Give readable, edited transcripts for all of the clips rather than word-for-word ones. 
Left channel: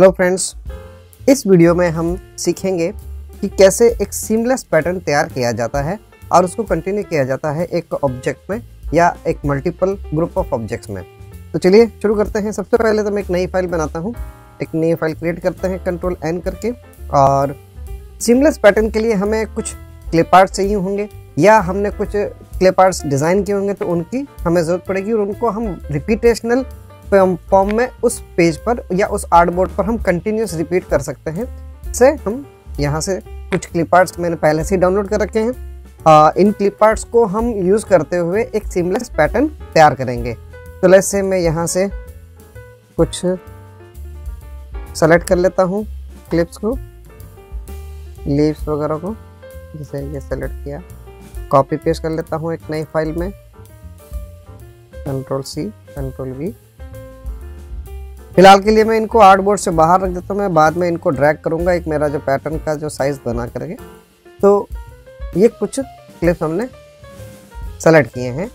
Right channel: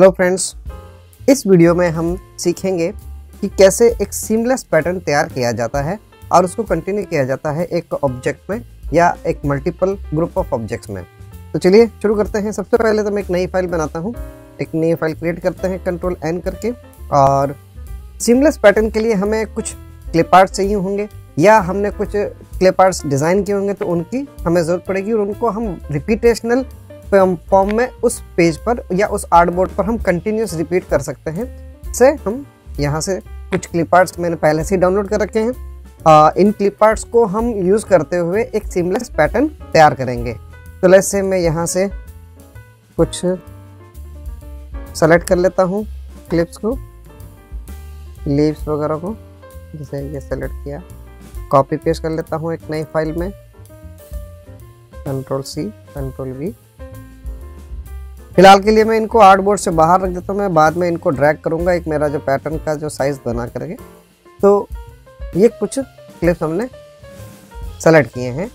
Hello friends, इस video में हम सीखेंगे कि कैसे एक सीमलेस पैटर्न तैयार किया जाता है और उसको कंटिन्यू किया जाता है एक ऑब्जेक्ट में या एक मल्टीपल ग्रुप ऑफ ऑब्जेक्ट्स में। तो चलिए शुरू करते हैं। सबसे पहले तो मैं एक नई फाइल बनाता हूँ। एक नई फाइल क्रिएट करते हैं कंट्रोल N करके। और सीमलेस पैटर्न के लिए हमें कुछ क्लिप आर्ट चाहिए होंगे या हमने कुछ क्लिप आर्ट्स डिज़ाइन किए होंगे तो उनकी हमें ज़रूरत पड़ेगी और उनको हम रिपीटेशनल फॉर्म में उस पेज पर या उस आर्टबोर्ड पर हम कंटिन्यूस रिपीट कर सकते हैं। से हम यहाँ से कुछ क्लिप आर्ट्स मैंने पहले से ही डाउनलोड कर रखे हैं। इन क्लिप आर्ट्स को हम यूज़ करते हुए एक सीमलेस पैटर्न तैयार करेंगे। तो लेट्स से मैं यहाँ से कुछ सेलेक्ट कर लेता हूँ क्लिप्स को, लीव्स वगैरह को, जैसे ये सेलेक्ट किया, कॉपी पेस्ट कर लेता हूँ एक नई फाइल में, कंट्रोल C कंट्रोल V। फिलहाल के लिए मैं इनको आर्टबोर्ड से बाहर रख देता हूँ। मैं बाद में इनको ड्रैग करूँगा एक मेरा जो पैटर्न का जो साइज बना करेंगे। तो ये कुछ क्लिप्स हमने सेलेक्ट किए हैं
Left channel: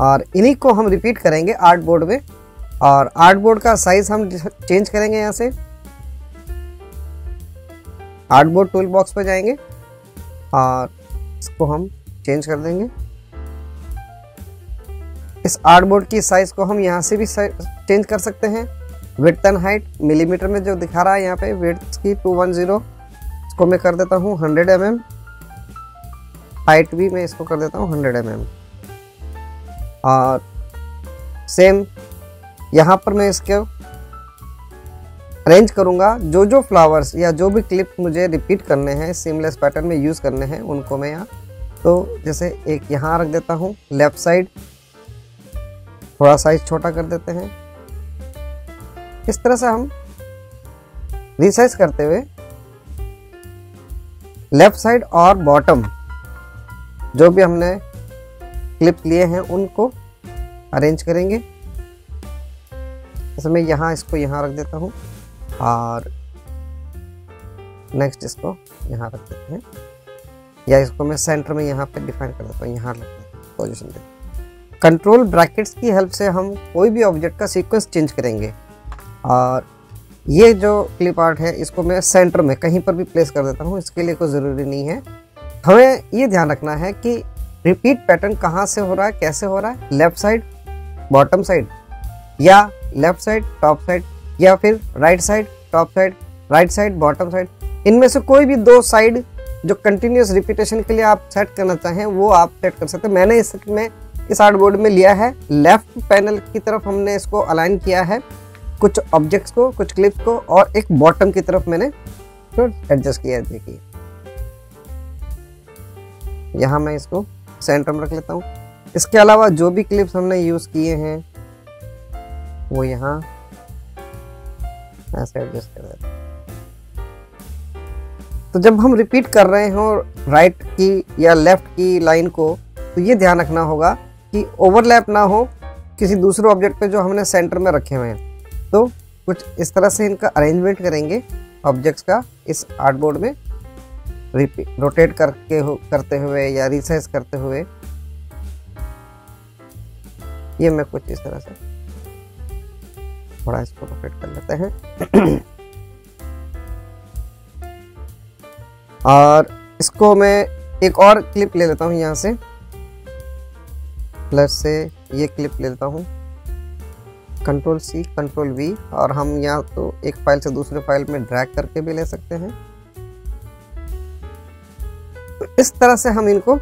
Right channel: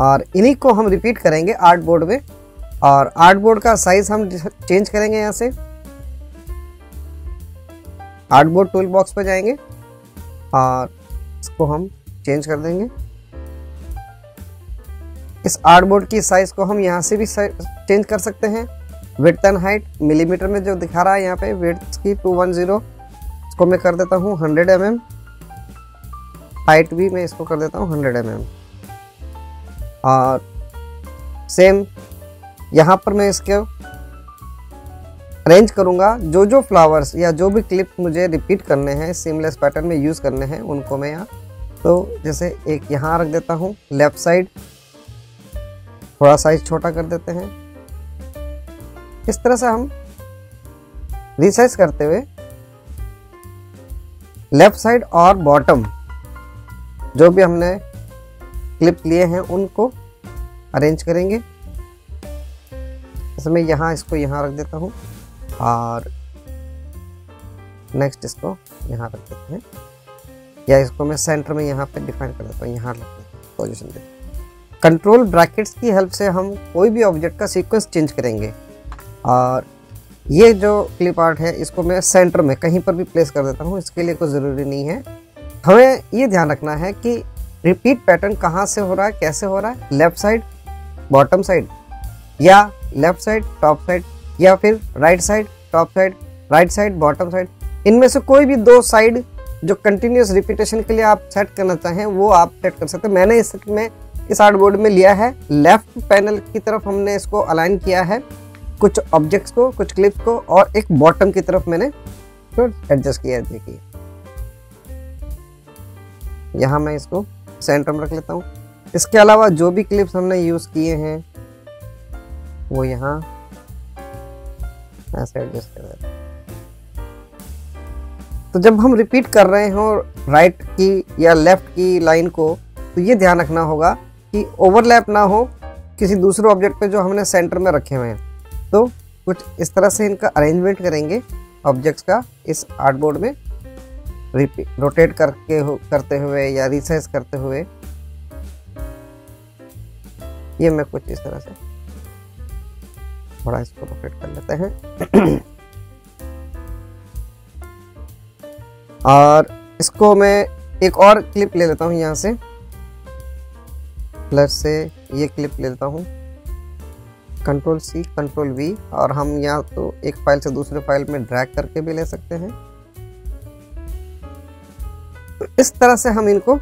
और इन्हीं को हम रिपीट करेंगे आर्टबोर्ड में। और आर्टबोर्ड का साइज हम चेंज करेंगे। यहाँ से आर्टबोर्ड टूल बॉक्स पर जाएंगे और इसको हम चेंज कर देंगे। इस आर्टबोर्ड की साइज को हम यहाँ से भी चेंज कर सकते हैं। विड्थ एंड हाइट मिलीमीटर में जो दिखा रहा है यहाँ पे विड्थ की 210, इसको मैं कर देता हूँ 100 mm। हाइट भी मैं इसको कर देता हूँ 100 mm। और सेम यहाँ पर मैं इसके अरेंज करूँगा। जो जो फ्लावर्स या जो भी क्लिप मुझे रिपीट करने हैं सीमलेस पैटर्न में यूज़ करने हैं उनको मैं यहाँ, तो जैसे एक यहाँ रख देता हूँ। लेफ्ट साइड थोड़ा साइज छोटा कर देते हैं। इस तरह से हम रिसाइज करते हुए लेफ्ट साइड और बॉटम जो भी हमने क्लिप लिए हैं उनको अरेंज करेंगे। जैसे मैं यहाँ इसको यहाँ रख देता हूँ और नेक्स्ट इसको यहाँ रख देते हैं, या इसको मैं सेंटर में यहाँ पे डिफाइन कर देता हूँ, यहाँ रख देता हूँ पोजीशन दे। कंट्रोल ब्रैकेट्स की हेल्प से हम कोई भी ऑब्जेक्ट का सीक्वेंस चेंज करेंगे। और ये जो क्लिप आर्ट है इसको मैं सेंटर में कहीं पर भी प्लेस कर देता हूँ, इसके लिए कोई ज़रूरी नहीं है। हमें ये ध्यान रखना है कि रिपीट पैटर्न कहाँ से हो रहा है, कैसे हो रहा है, लेफ्ट साइड बॉटम साइड या लेफ्ट साइड टॉप साइड या फिर right side top side, right side bottom side. इनमें से कोई भी दो साइड जो कंटिन्यूस रिपीटेशन के लिए आप सेट करना चाहें वो आप सेट कर सकते हैं। मैंने इस आर्टबोर्ड में लिया है लेफ्ट पैनल की तरफ, हमने इसको अलाइन किया है कुछ ऑब्जेक्ट्स को, कुछ क्लिप्स को, और एक बॉटम की तरफ मैंने एडजस्ट किया है। देखिए यहाँ मैं इसको सेंटर में रख लेता हूँ। इसके अलावा जो भी क्लिप्स हमने यूज किए हैं वो यहाँ ऐसे एडजस्ट कर देते हैं। तो जब हम रिपीट कर रहे हो राइट की या लेफ्ट की लाइन को, तो ये ध्यान रखना होगा कि ओवरलैप ना हो किसी दूसरे ऑब्जेक्ट पे जो हमने सेंटर में रखे हुए हैं। तो कुछ इस तरह से इनका अरेंजमेंट करेंगे ऑब्जेक्ट्स का इस आर्टबोर्ड में, रोटेट करते हुए या रिसाइज करते हुए। ये मैं कुछ इस तरह से थोड़ा इसको रोटेट कर लेते हैं। और इसको मैं एक और क्लिप ले लेता हूँ यहाँ से, प्लस से ये क्लिप ले लेता हूँ, कंट्रोल C कंट्रोल V। और हम यहाँ तो एक फाइल से दूसरे फाइल में ड्रैग करके भी ले सकते हैं। तो इस तरह से हम इनको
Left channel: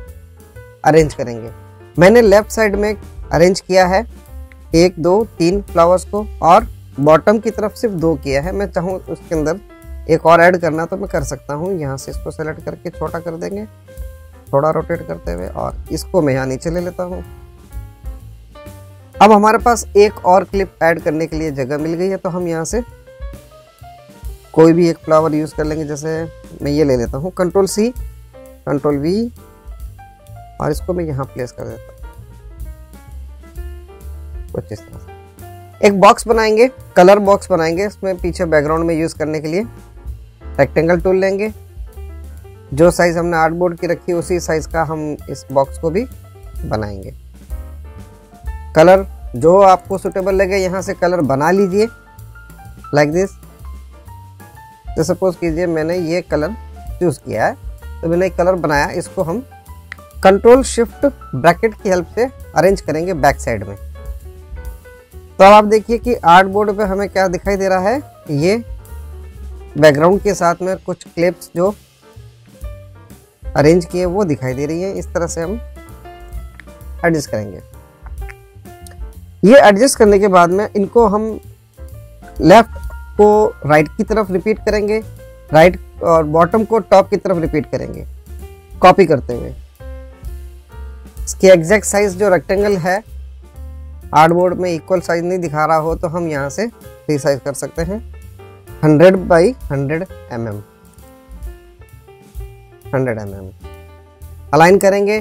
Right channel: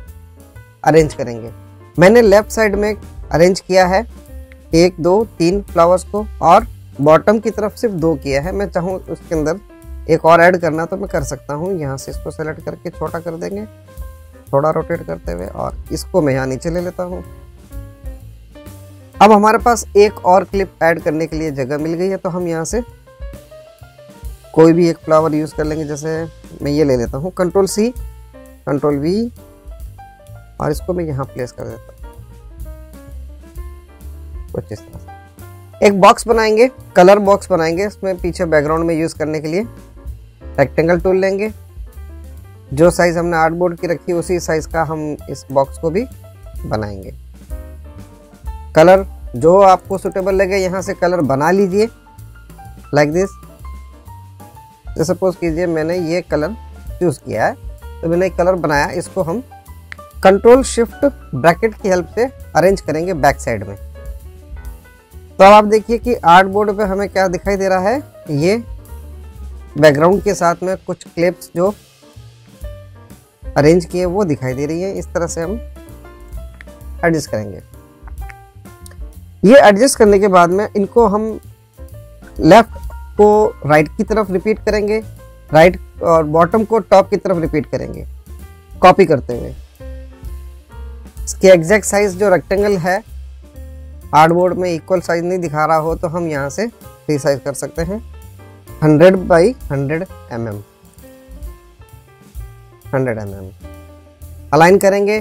अरेंज करेंगे। मैंने लेफ्ट साइड में अरेंज किया है 1 2 3 फ्लावर्स को और बॉटम की तरफ सिर्फ 2 किया है। मैं चाहूँ तो उसके अंदर एक और ऐड करना तो मैं कर सकता हूँ। यहाँ से इसको सेलेक्ट करके छोटा कर देंगे थोड़ा रोटेट करते हुए, और इसको मैं यहाँ नीचे ले लेता हूँ। अब हमारे पास एक और क्लिप ऐड करने के लिए जगह मिल गई है, तो हम यहाँ से कोई भी एक फ्लावर यूज कर लेंगे। जैसे मैं ये ले लेता हूँ कंट्रोल C कंट्रोल V और इसको मैं यहाँ प्लेस कर देता हूँ कुछ इस तरह से। एक बॉक्स बनाएंगे, कलर बॉक्स बनाएंगे। इसमें पीछे बैकग्राउंड में यूज करने के लिए रेक्टेंगल टूल लेंगे। जो साइज हमने आर्टबोर्ड की रखी है उसी साइज का हम इस बॉक्स को भी बनाएंगे। कलर जो आपको सुटेबल लगे यहाँ से कलर बना लीजिए लाइक दिस। तो सपोज कीजिए मैंने ये कलर चूज किया है, तो मैंने एक कलर बनाया, इसको हम कंट्रोल शिफ्ट ब्रैकेट की हेल्प से अरेंज करेंगे बैक साइड में। तो अब आप देखिए कि आर्ट बोर्ड पे हमें क्या दिखाई दे रहा है, ये बैकग्राउंड के साथ में कुछ क्लिप्स जो अरेंज किए वो दिखाई दे रही है। इस तरह से हम एडजस्ट करेंगे। ये एडजस्ट करने के बाद में इनको हम लेफ्ट को राइट की तरफ रिपीट करेंगे, राइट और बॉटम को टॉप की तरफ रिपीट करेंगे कॉपी करते हुए। इसके एग्जैक्ट साइज जो रेक्टेंगल है आर्टबोर्ड में इक्वल साइज नहीं दिखा रहा हो तो हम यहाँ से रीसाइज कर सकते हैं 100 बाई 100 mm। अलाइन करेंगे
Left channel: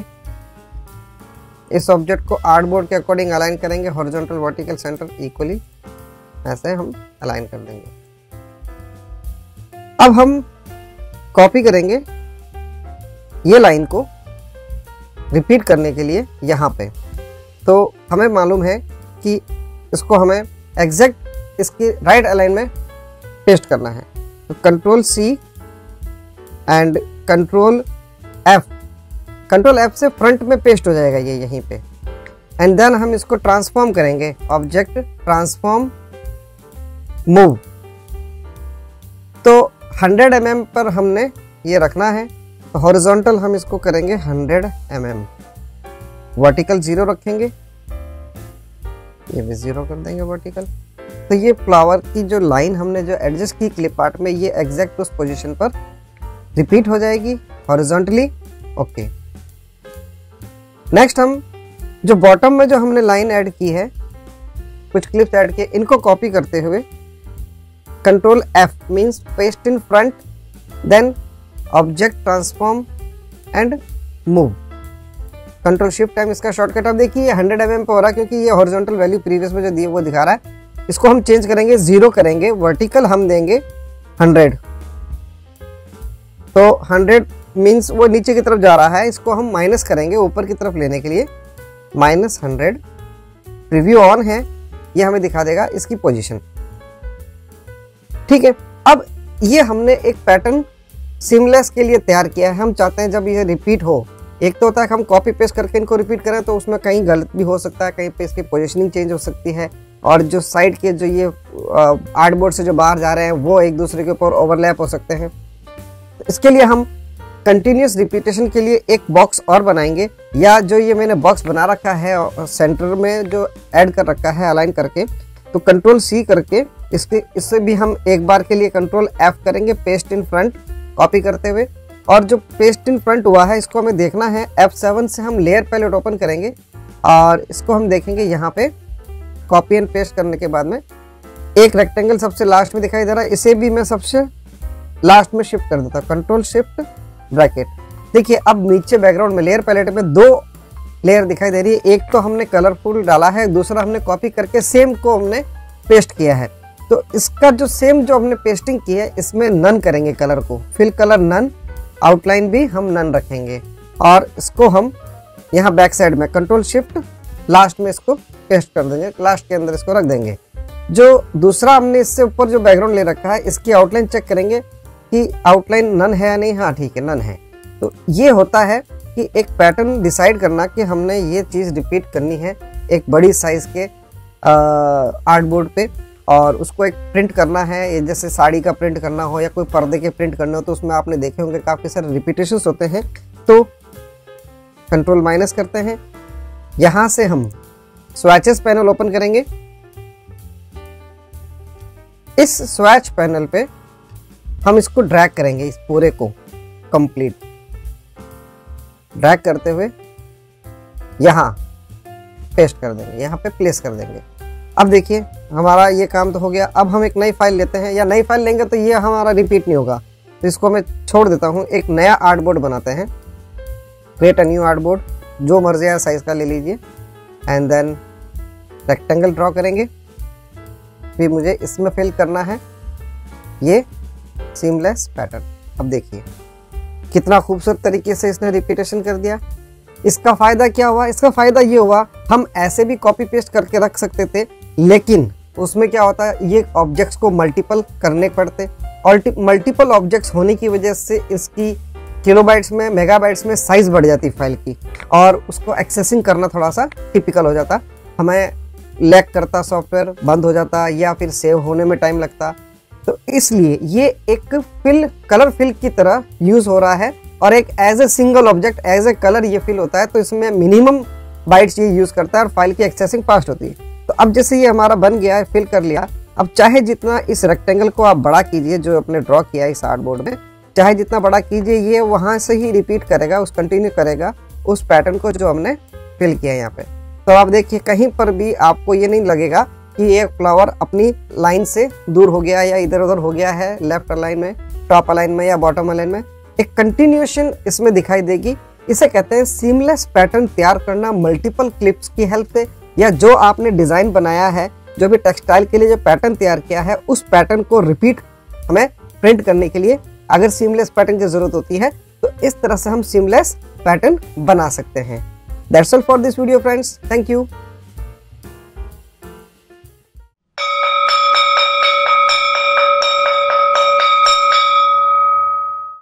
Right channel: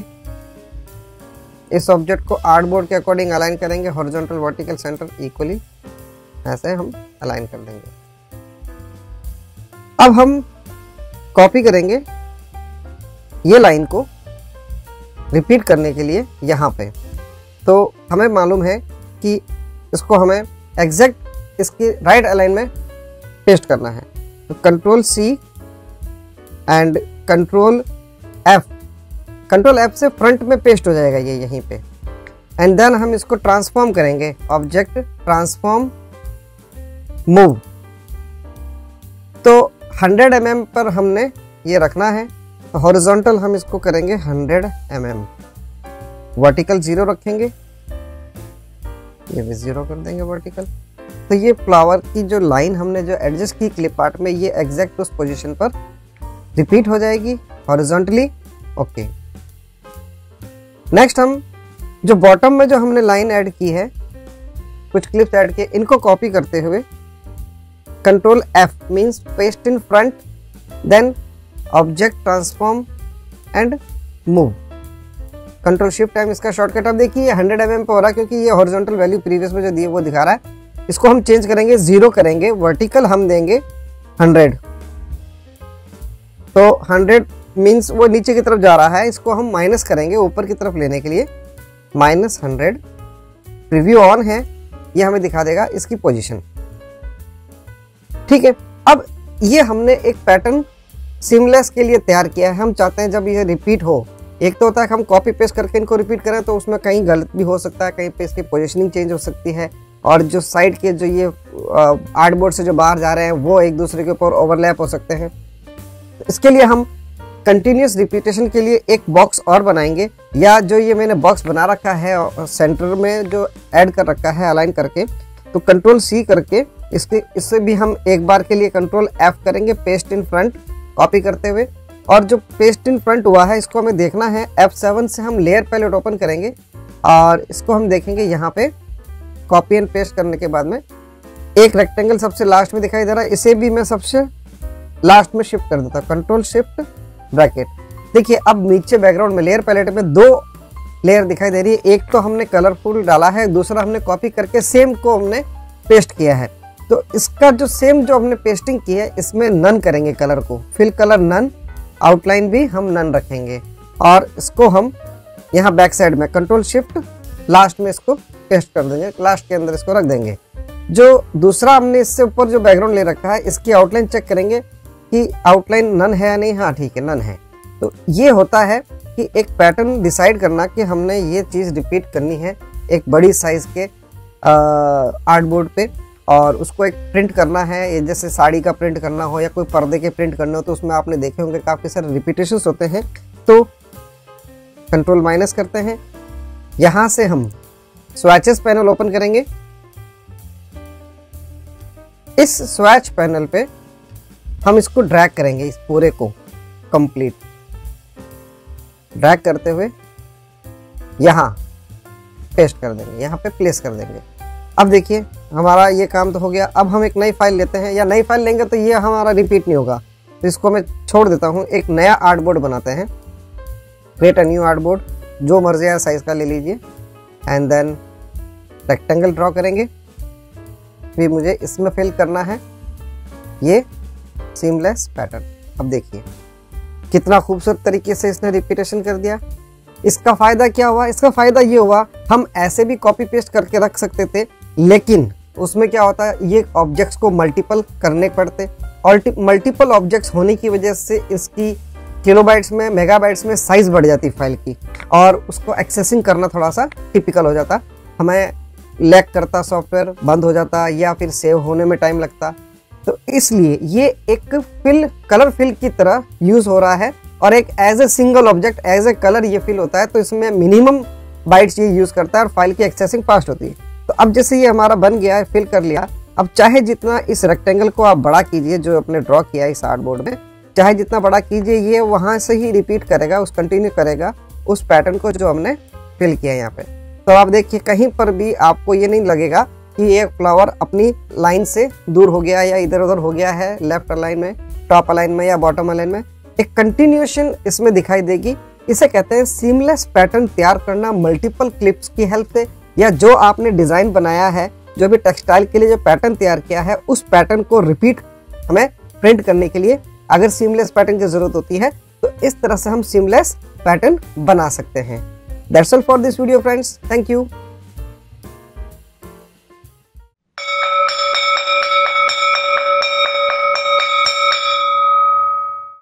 इस ऑब्जेक्ट को आर्टबोर्ड के अकॉर्डिंग अलाइन करेंगे, हॉरिजॉन्टल वर्टिकल सेंटर इक्वली ऐसे हम अलाइन कर देंगे। अब हम कॉपी करेंगे ये लाइन को रिपीट करने के लिए यहाँ पे। तो हमें मालूम है कि इसको हमें एग्जैक्ट इसकी राइट अलाइन में पेस्ट करना है। तो control C and control F से फ्रंट में पेस्ट हो जाएगा ये यहीं पे। एंड देन हम इसको ट्रांसफॉर्म करेंगे, ऑब्जेक्ट ट्रांसफॉर्म मूव। तो 100 mm पर हमने ये रखना है। तो हॉरिजॉन्टल हम इसको करेंगे 100 mm, वर्टिकल 0 रखेंगे, ये भी 0 कर देंगे वर्टिकल। तो ये फ्लावर की जो लाइन हमने जो एडजस्ट की क्लिप आर्ट में, ये एग्जैक्ट उस पोजीशन पर रिपीट हो जाएगी हॉरिजॉन्टली। ओके, नेक्स्ट हम जो बॉटम में जो हमने लाइन ऐड की है, कुछ क्लिप्स ऐड किए, इनको कॉपी करते हुए control F means paste in front, then object transform and move. Control shift M इसका शॉर्टकट। आप देखिए ये 100 mm पे हो रहा है क्योंकि ये हॉरिजॉन्टल वैल्यू प्रीवियस में जो दिए वो दिखा रहा है। इसको हम चेंज करेंगे, 0 करेंगे, वर्टिकल हम देंगे 100। तो 100 मींस वो नीचे की तरफ जा रहा है, इसको हम माइनस करेंगे ऊपर की तरफ लेने के लिए, -100। प्रीव्यू ऑन है, ये हमें दिखा देगा इसकी पोजीशन। ठीक है, अब ये हमने एक पैटर्न सीमलेस के लिए तैयार किया है। हम चाहते हैं जब ये रिपीट हो, एक तो होता है कि हम कॉपी पेस्ट करके इनको रिपीट करें तो उसमें कहीं गलत भी हो सकता है, कहीं पे इसकी पोजीशनिंग चेंज हो सकती है, और जो साइड के जो ये आर्टबोर्ड से जो बाहर जा रहे हैं वो एक दूसरे के ऊपर ओवरलैप हो सकते हैं। इसके लिए हम कंटिन्यूस रिपीटेशन के लिए एक बॉक्स और बनाएंगे, या जो ये मैंने बॉक्स बना रखा है सेंटर में जो ऐड कर रखा है अलाइन करके, तो कंट्रोल सी करके इससे भी हम एक बार के लिए कंट्रोल एफ करेंगे, पेस्ट इन फ्रंट कॉपी करते हुए। और जो पेस्ट इन फ्रंट हुआ है इसको हमें देखना है, F7 से हम लेयर पैलेट ओपन करेंगे और इसको हम देखेंगे यहाँ पे कॉपी एंड पेस्ट करने के बाद में एक रेक्टेंगल सबसे लास्ट में दिखाई दे रहा है, इसे भी मैं सबसे लास्ट में शिफ्ट कर देता हूँ, कंट्रोल शिफ्ट ब्रैकेट। देखिए अब नीचे बैकग्राउंड में लेयर पैलेट में 2 लेयर दिखाई दे रही है, एक तो हमने कलरफुल डाला है, दूसरा हमने कॉपी करके सेम को हमने पेस्ट किया है। तो इसका जो सेम जो हमने पेस्टिंग की है इसमें नन करेंगे, कलर को फिल कलर नन, आउटलाइन भी हम नन रखेंगे, और इसको हम यहाँ बैक साइड में कंट्रोल शिफ्ट लास्ट में इसको पेस्ट कर देंगे, लास्ट के अंदर इसको रख देंगे। जो दूसरा हमने इससे ऊपर जो बैकग्राउंड ले रखा है इसकी आउटलाइन चेक करेंगे कि आउटलाइन नन है या नहीं। हाँ ठीक है, नन है। तो ये होता है कि एक पैटर्न डिसाइड करना कि हमने ये चीज रिपीट करनी है एक बड़ी साइज के आर्टबोर्ड पे, और उसको एक प्रिंट करना है, जैसे साड़ी का प्रिंट करना हो या कोई पर्दे के प्रिंट करना हो, तो उसमें आपने देखे होंगे काफी सारे रिपीटेशंस होते हैं। तो कंट्रोल माइनस करते हैं, यहां से हम स्वैचेस पैनल ओपन करेंगे। इस स्वैच पैनल पे हम इसको ड्रैग करेंगे, इस पूरे को कंप्लीट ड्रैग करते हुए यहाँ पेस्ट कर देंगे, यहाँ पे प्लेस कर देंगे। अब देखिए हमारा ये काम तो हो गया। अब हम एक नई फाइल लेते हैं, या नई फाइल लेंगे तो ये हमारा रिपीट नहीं होगा, तो इसको मैं छोड़ देता हूँ। एक नया आर्टबोर्ड बनाते हैं, क्रिएट अ न्यू आर्टबोर्ड, जो मर्जी है साइज का ले लीजिए, एंड देन रेक्टेंगल ड्रॉ करेंगे। फिर मुझे इसमें फिल करना है ये सीमलेस पैटर्न। अब देखिए कितना खूबसूरत तरीके से इसने रिपीटेशन कर दिया। इसका फायदा क्या हुआ? इसका फायदा ये हुआ, हम ऐसे भी कॉपी पेस्ट करके रख सकते थे, लेकिन उसमें क्या होता है, ये ऑब्जेक्ट्स को मल्टीपल करने पड़ते, मल्टीपल ऑब्जेक्ट्स होने की वजह से इसकी किलोबाइट्स में, मेगाबाइट्स में साइज बढ़ जाती है फाइल की, और उसको एक्सेसिंग करना थोड़ा सा टिपिकल हो जाता, हमें लैग करता, सॉफ्टवेयर बंद हो जाता या फिर सेव होने में टाइम लगता। तो इसलिए ये एक कलर फिल की तरह यूज हो रहा है, और एक as a single object, as a colour ये फिल होता है। तो इसमें मिनिमम बाइट्स ये यूज करता है और फाइल की एक्सेसिंग फास्ट होती है। तो अब जैसे ये हमारा बन गया है, फिल कर लिया, अब चाहे जितना इस रेक्टेंगल को आप बड़ा कीजिए, जो आपने ड्रॉ किया है इस आर्टबोर्ड में, चाहे जितना बड़ा कीजिए, ये वहां से ही रिपीट करेगा, कंटिन्यू करेगा उस पैटर्न को जो हमने फिल किया है यहाँ पे। तो आप देखिए कहीं पर भी आपको ये नहीं लगेगा कि ये फ्लावर अपनी लाइन से दूर हो गया या इधर उधर हो गया है, लेफ्ट अलाइन में, टॉप अलाइन में या बॉटम अलाइन में। एक कंटिन्यूएशन इसमें दिखाई देगी। इसे कहते हैं सीमलेस पैटर्न तैयार करना मल्टीपल क्लिप्स की हेल्प से, या जो आपने डिजाइन बनाया है, जो भी टेक्सटाइल के लिए जो पैटर्न तैयार किया है, उस पैटर्न को रिपीट हमें प्रिंट करने के लिए अगर सीमलेस पैटर्न की जरूरत होती है, तो इस तरह से हम सीमलेस पैटर्न बना सकते हैं। That's all for this video friends. Thank you.